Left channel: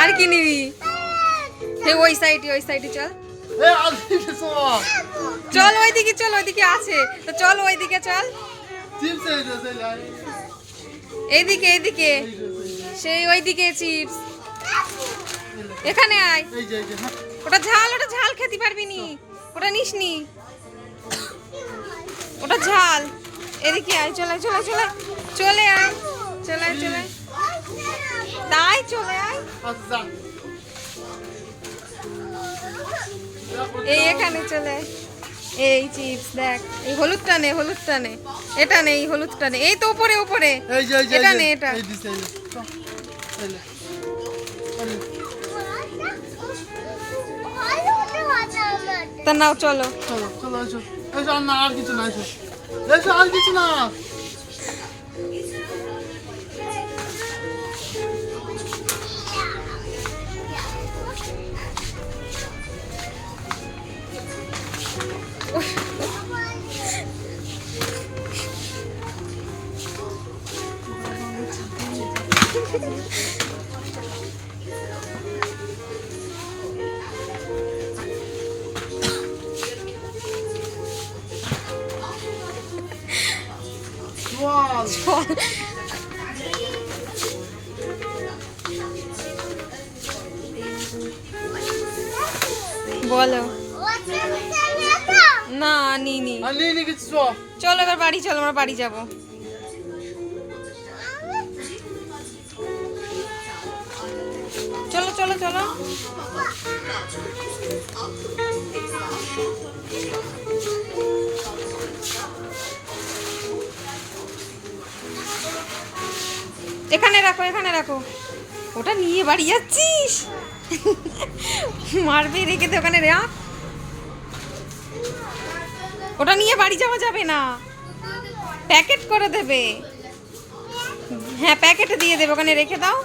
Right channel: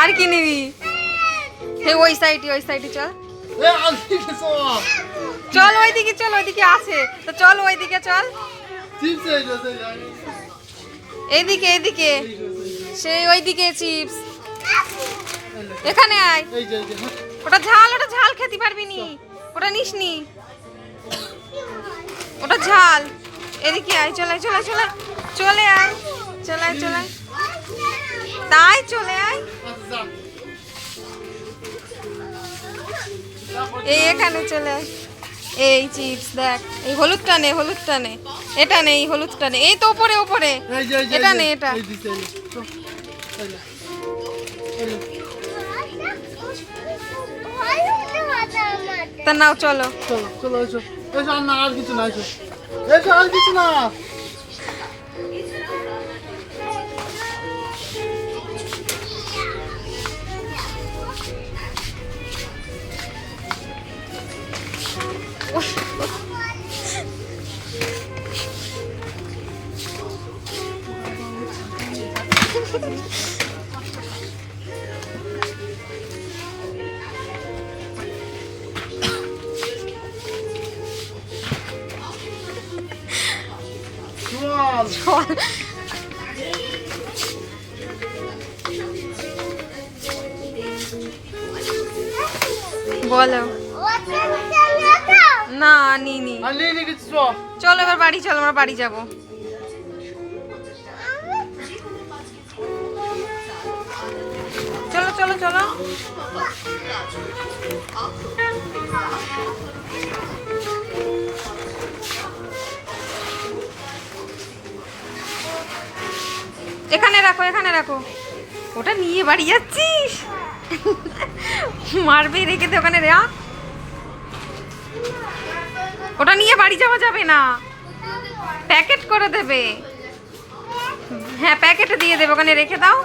আর কি নিবি? হে ওই সাইডে চল। চল ওইদিকে, চল ওইদিকে আছে তো, চল ওইদিকে চল। এইদিকে সেই ওইদিকে চিপস। এখানে আয়। ওটা ঝাল খেতে পারবি নি, ওটা নিস নি, ওটা ঝাল। এদিকে আয়, চলে আয় তাই চলে আয়। এই এখানে চলে আয়। এই চিপস দেখ, এই হলুদটা নে, এটা নে, এই হলুদটা নে, এই তো উপরে এটা নে, এটা তা নাও, চলো। আর কিছু না। বলো না, নিনি। চলো এবার বাড়ি, চলো আমরা বাড়ি যাবো। চলো এখানে রাখো। ওটা নিয়ে বাড়ি যাচ্ছিস? মারবে, রেখে দে ওখানে। ওটা নিয়ে বাড়ি যাওয়া যাবে না, প্যাকেট করে দেবে। হ্যাঁ প্যাকেটে দিয়ে দেবে, ওখানে রেখে দাও।